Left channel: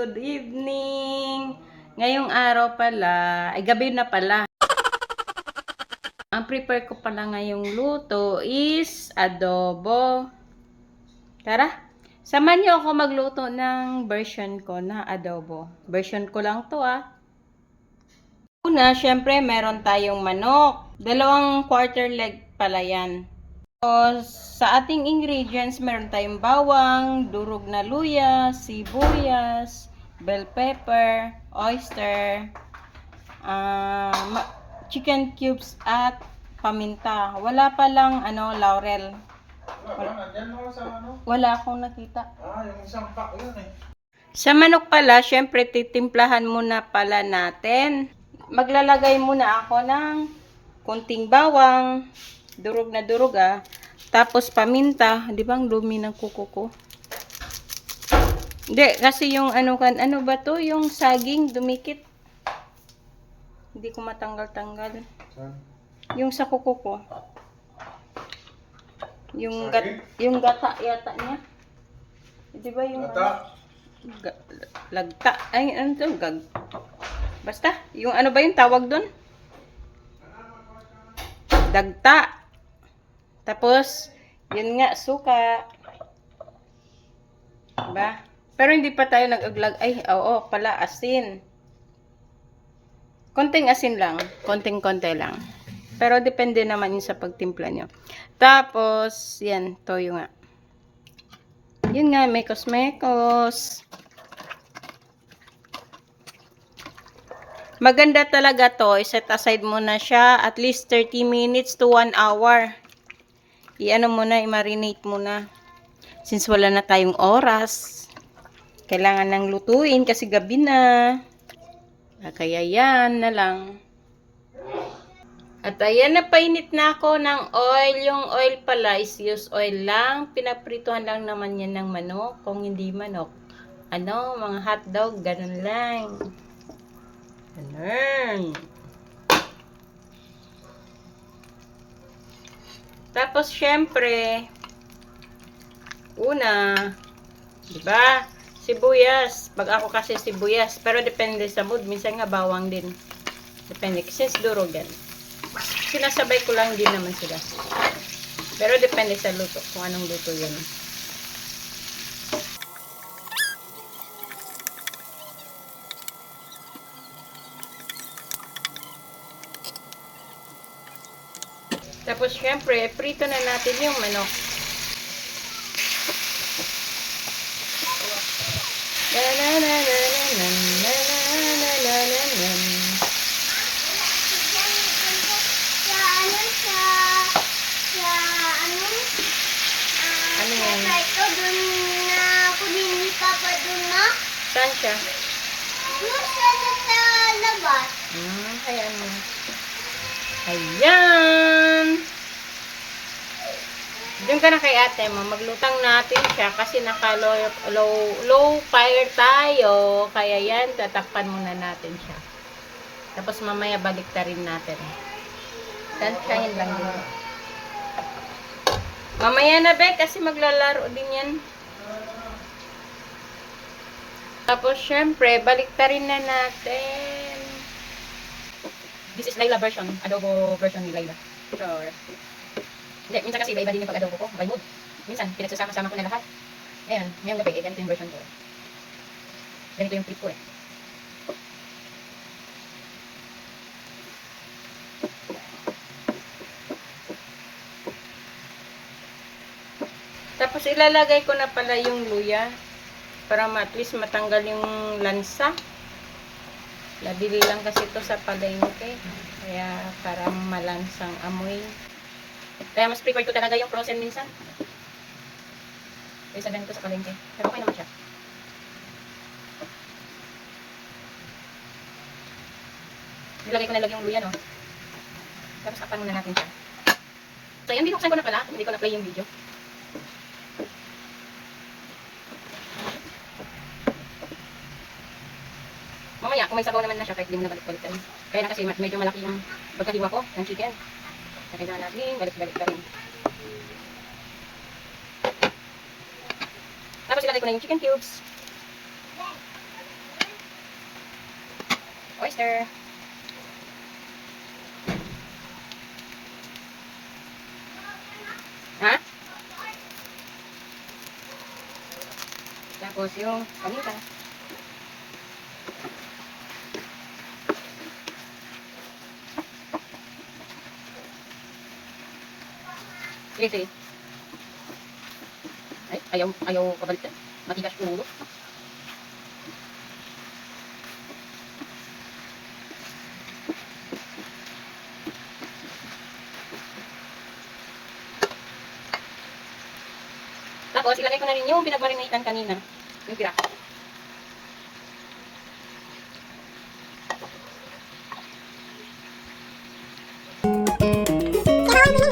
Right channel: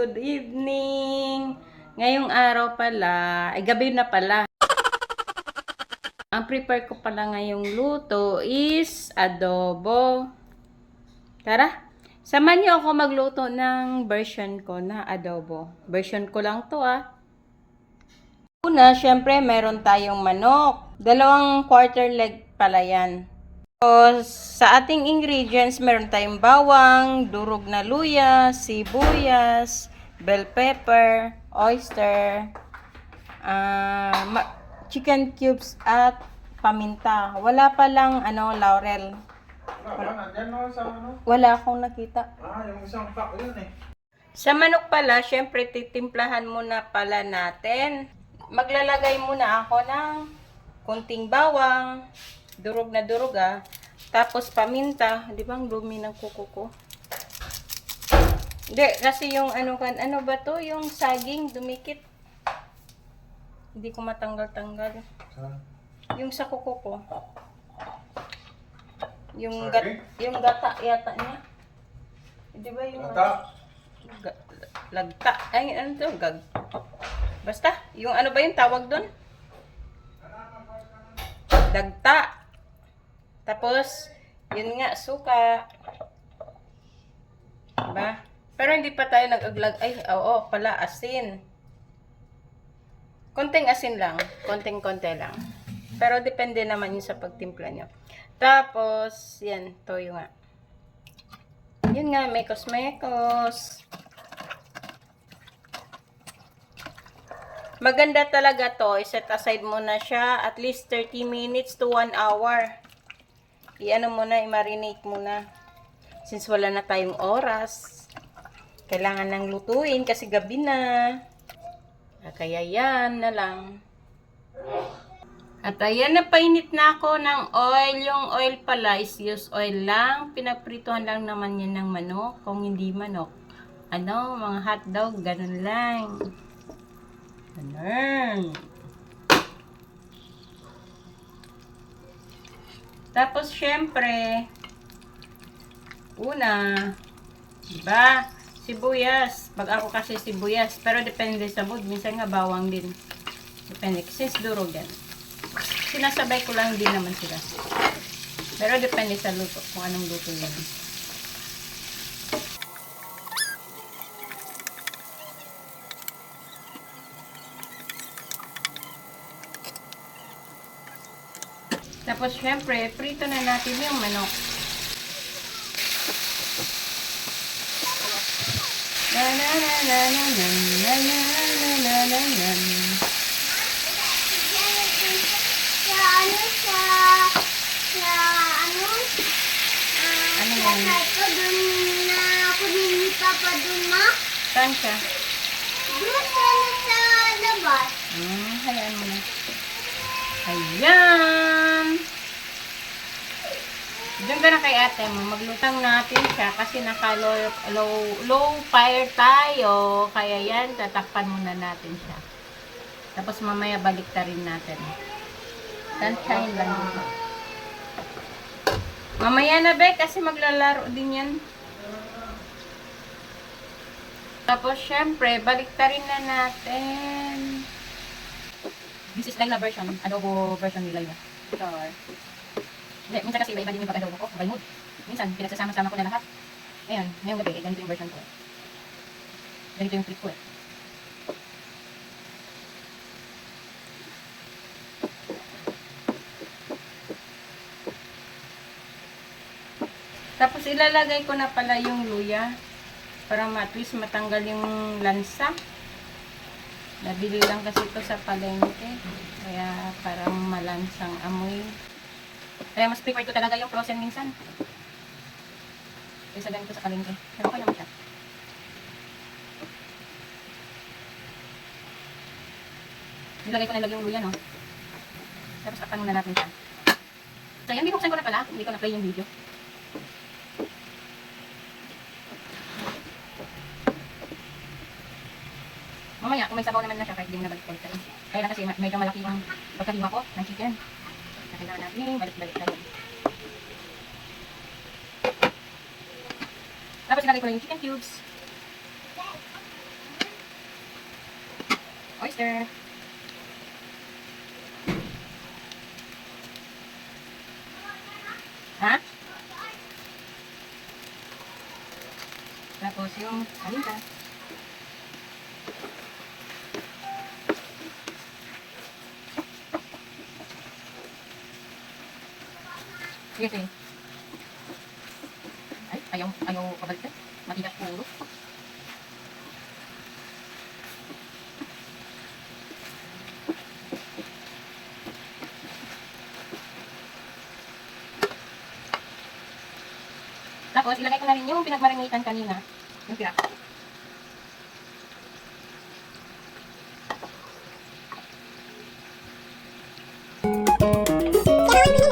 good evening! Ngayong araw pala, ay gabi na pala. Ang prepare ko pala ngayong luto is adobo. Tara, samahan niyo ako magluto ng version ko na adobo. Version ko lang to Una, syempre meron tayong manok. 2/4 leg pala yan. Sa ating ingredients, meron tayong bawang, durog na luya, sibuyas, bell pepper, oyster, chicken cubes at paminta. Wala pa lang laurel. Wala akong nakita. Yung isang pack yun eh. Sa manok pala, syempre titimplahan muna pala natin. Maglalagay muna ako ng kunting bawang, durog na durog tapos paminta. Di ba ang dumi ng kuko ko? Hindi, kasi yung ano ba to? Yung saging dumikit. Hindi ko matanggal-tanggal. Yung sa kuko ko. Yung gata yata niya. Di ba yung Gata? Lagta. Ay, ano to? Basta, yung ano ba yung tawag doon? Dagta. Tapos, yun nga, suka. Diba? Pero hindi pa tayo nag-aglag. Ay, oo, pala, asin. Konting asin lang. Konting-konti lang. Pero depende naman yun sa pagtimpla nyo. Tapos, yan, toyo nga. Yun nga, mekos-mekos. Maganda talaga to. I-set aside mo na siya at least 30 minutes to 1 hour. I-ano mo na, i-marinate mo na. Since wala na tayong oras, kailangan nang lutuin kasi gabi na. Kaya yan na lang. At ayan, napainit na ako ng oil. Yung oil pala is use oil lang. Pinaprituhan lang naman yan ng manok. Kung hindi manok, mga hotdog, ganun lang. Ganun. Tapos, syempre, una, diba? Sibuyas. Pag ako kasi sibuyas. Pero depende sa mood. Minsan nga bawang din. Depende. Kasi durog yan. Sinasabay ko lang din naman sila. Pero depende sa luto. Kung anong luto yan. Tapos, syempre, prito na natin yung manok. Ano yan? Ito, dun na ako ni Papa dun na. Saan siya? Dun sa labas. Hayaan mo. Ayan! Diyan ka na kay ate mo. Maglutang natin siya kasi low fire tayo. Kaya yan, tatakpan muna natin siya. Tapos mamaya balik ta rin natin. Sunshine lang dito. Mamaya na be, kasi maglalaro din yan. Tapos syempre, balik ta rin na natin. This is Layla version. Adobo version ni Layla. Sure. Hindi, minsan kasi iba din yung pag-adobo ko. By mood. Minsan, pinagsasama-sama ko na lahat. Ayan, ngayong gabi, ganito yung version ko. Ganito yung prep ko Tapos ilalagay ko na pala yung luya para at least matanggal yung lansa. Nabili lang kasi ito sa palengke. Kaya parang malansang amoy. Kaya mas prefer ko talaga yung frozen minsan. Kaya sabihin ko sa palengke. Pero okay naman siya. Nilagay ko na lang yung luya, no? Tapos apan muna natin siya. So yan, binuksan ko na pala. Hindi ko na-play yung video. Mamaya, kung may sabaw naman na siya, kahit din na balik-balik tayo. Kaya na kasi medyo malaki yung pagkahiwa ko ng chicken. Kaya kailangan natin balik-balik tayo. Tapos ilalagay ko na yung chicken cubes. butter. Ha? Tapos yung paminta. Sige, sige. Ay, ayaw pabalik. Matigas ulo. Tapos, ilagay ko na rin yung pinagmarinatan kanina. Yung tira. Kailangan